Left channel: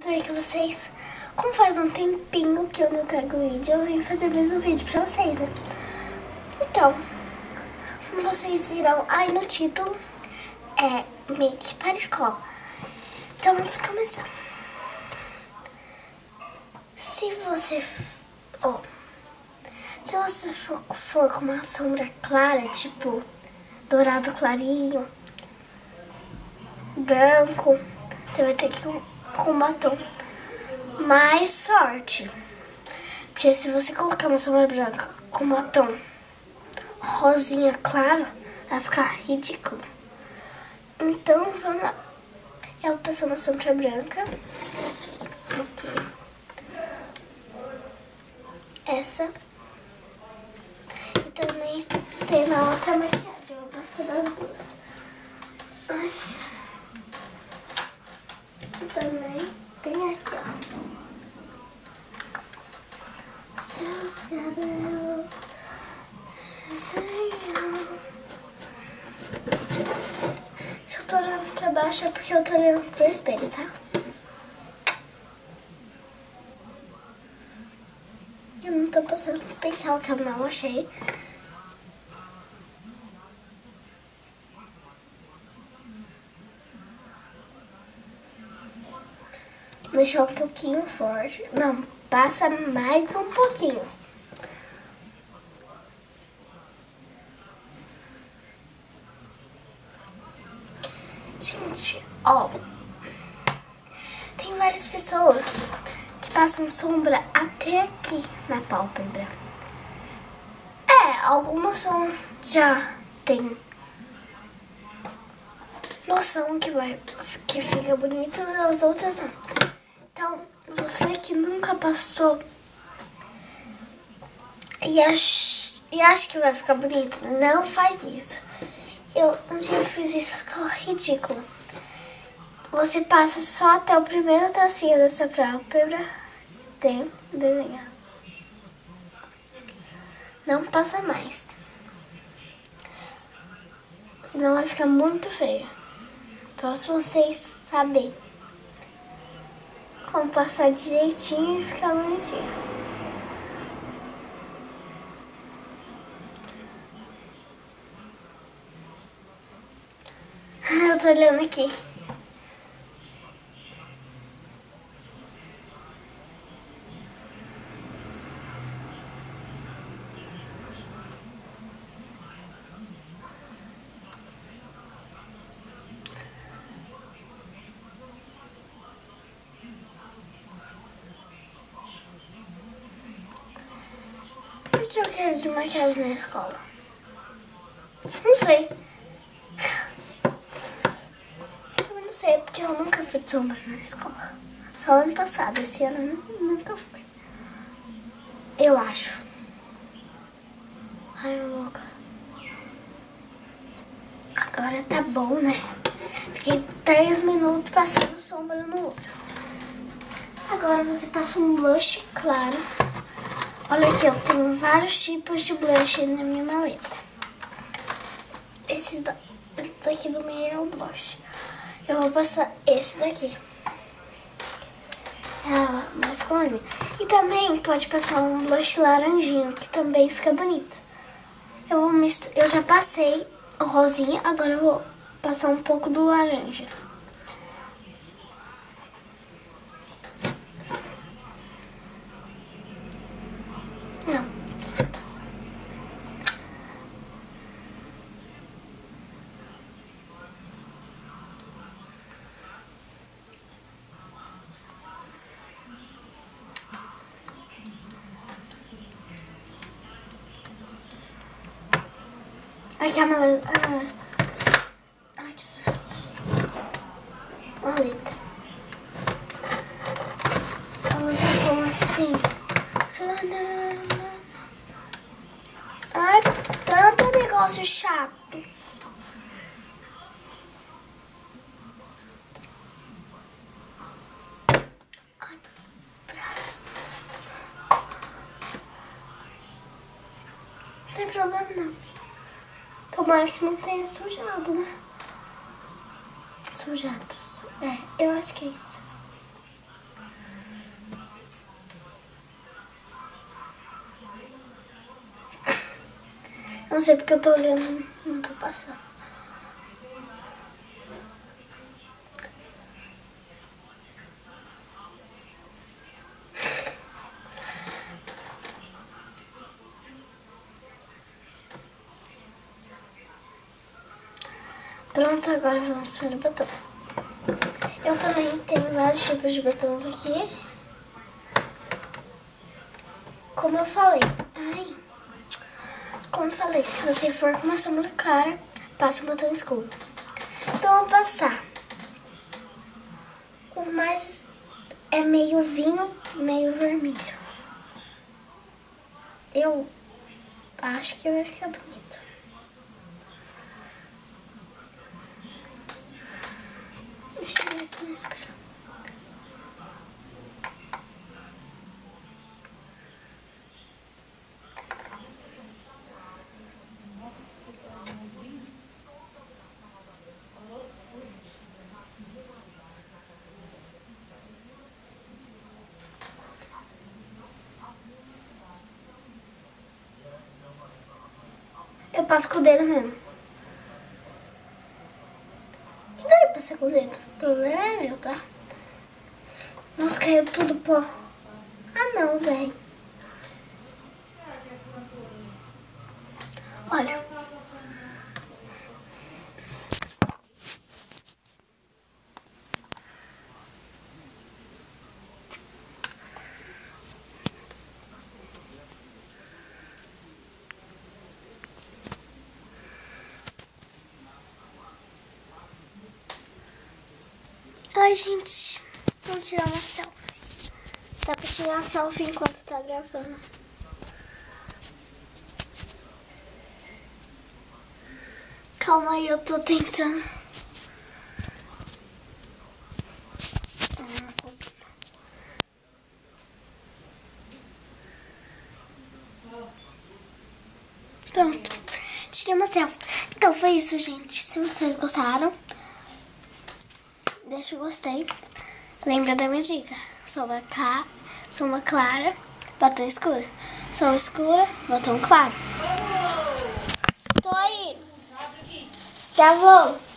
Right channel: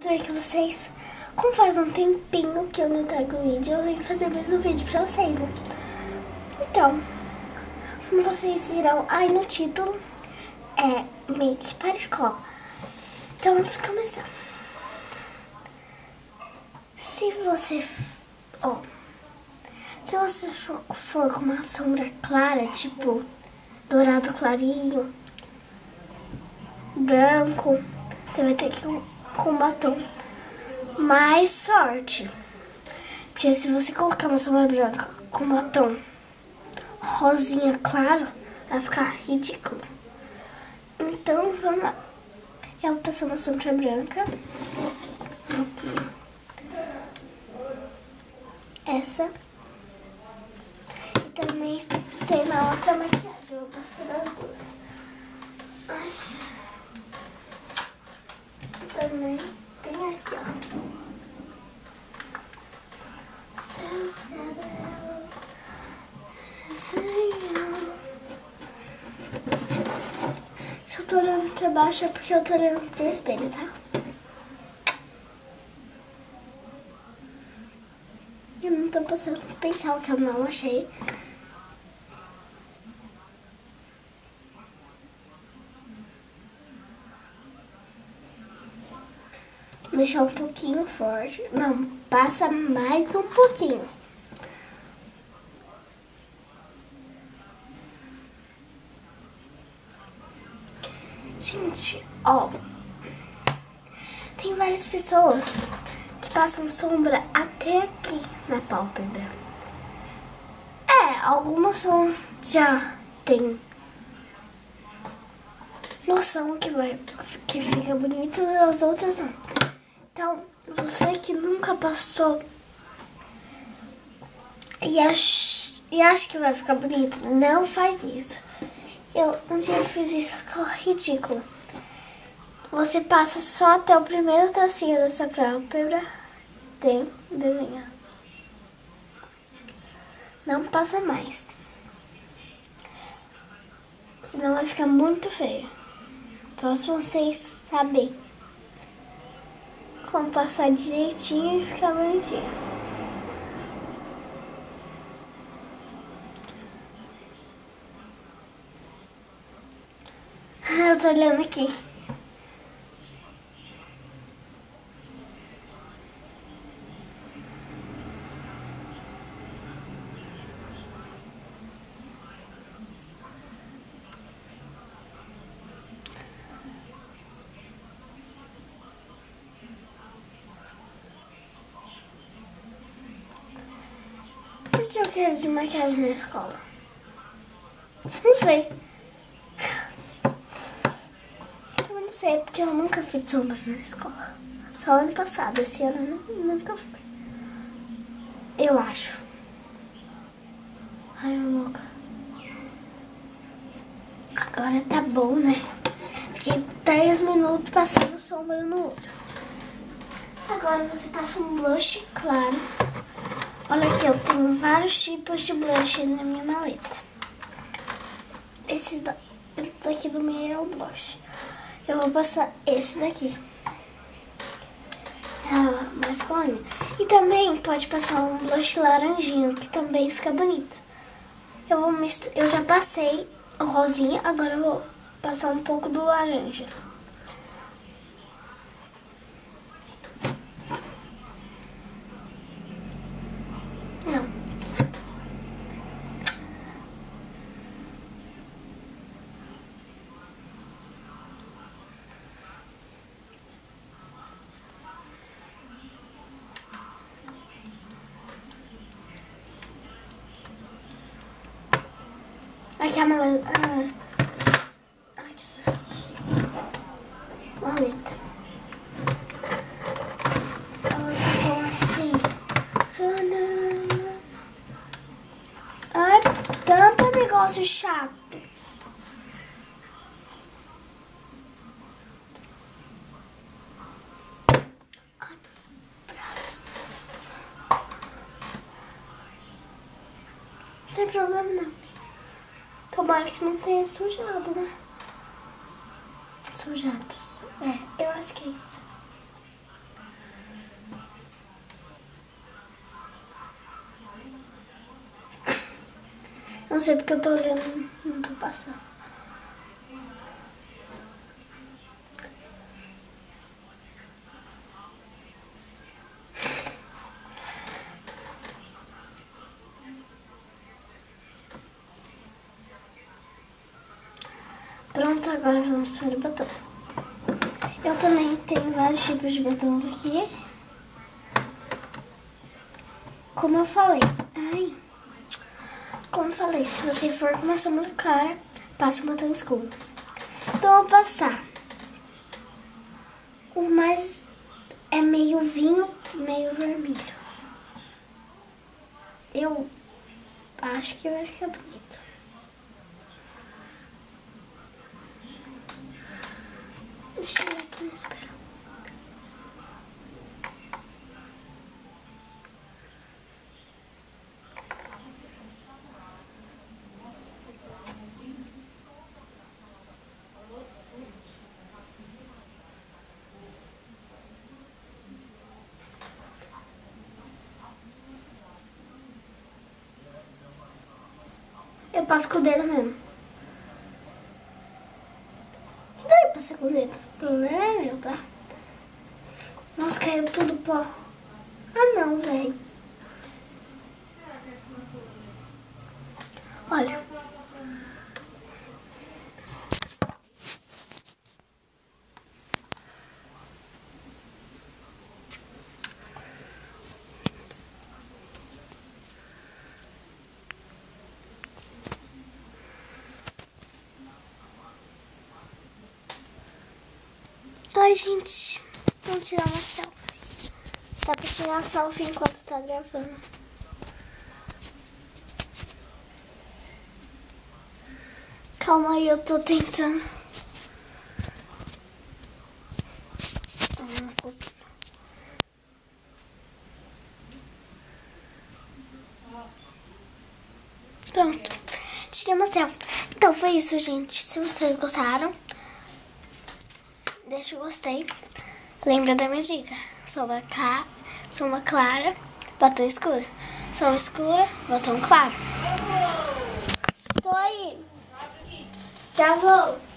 Tudo bem com vocês? Como faz um tempinho que eu não trago vídeo, eu vim fazer mais um vídeo pra vocês, né? Então, como vocês viram aí no título, é Make para escola. Então, vamos começar. Se você for com uma sombra clara, tipo dourado clarinho, branco, você vai ter que ir com batom mais forte. Porque se você colocar uma sombra branca com batom rosinha claro, vai ficar ridículo. Então, vamos lá. Eu vou passar uma sombra branca aqui. Essa. E também tem na outra maquiagem. Eu vou passar das duas. Ai. E também tem aqui, ó. Se eu tô olhando pra baixo é porque eu tô olhando pro espelho, tá? Eu não tô passando pra pensar o que eu não achei. Deixar um pouquinho forte. Não, passa mais um pouquinho. Gente, ó. Tem várias pessoas que passam sombra até aqui na pálpebra. Algumas já tem noção que fica bonito, e as outras não. Então, você que nunca passou e acha que vai ficar bonito, não faz isso. Eu um dia fiz isso, ficou ridículo. Você passa só até o primeiro tracinho dessa pálpebra, tem desenhar. Não passa mais. Senão vai ficar muito feio. Só se vocês saberem como passar direitinho e ficar bonitinho. Eu tô olhando aqui. Por que eu quero de maquiagem na escola? Não sei. Eu não sei, porque eu nunca fiz sombra na escola. Só ano passado, esse ano eu nunca fui. Eu acho. Ai, louca. Agora tá bom, né? Fiquei 3 minutos passando sombra no olho. Agora você passa um blush claro. Olha aqui, eu tenho vários tipos de blush na minha maleta. Esse daqui do meio é o blush. Eu vou passar esse daqui. É mais clarinho. E também pode passar um blush laranjinho, que também fica bonito. Eu já passei o rosinha, agora eu vou passar um pouco do laranja. Não. Aqui a maleta. Ai, que susto. Maleta. Elas ficam assim. Ai, tanto negócio chato. Não tem problema não. Tomara que não tenha sujado, né? Sujados. Eu acho que é isso. Não sei porque eu tô olhando, não tô passando. Pronto, agora vamos para o batom. Eu também tenho vários tipos de batons aqui. Como eu falei, se você for com uma sombra clara, passa um batom escuro. Então eu vou passar o mais é meio vinho, meio vermelho. Eu acho que vai ficar bonito. Deixa eu ver aqui no espelho. Eu passo com o dedo mesmo. Que daí eu passei com o dedo? O problema é meu, tá? Nossa, caiu tudo pó. Ah, não, velho. Olha. Ai, gente, vamos tirar uma selfie. Dá pra tirar selfie enquanto tá gravando. Calma aí, eu tô tentando. Pronto, tirei uma selfie. Então foi isso, gente. Se vocês gostaram, deixa o gostei. Lembra da minha dica: sombra clara, batom escuro. Sombra escura, batom claro. Tô aí. Já vou.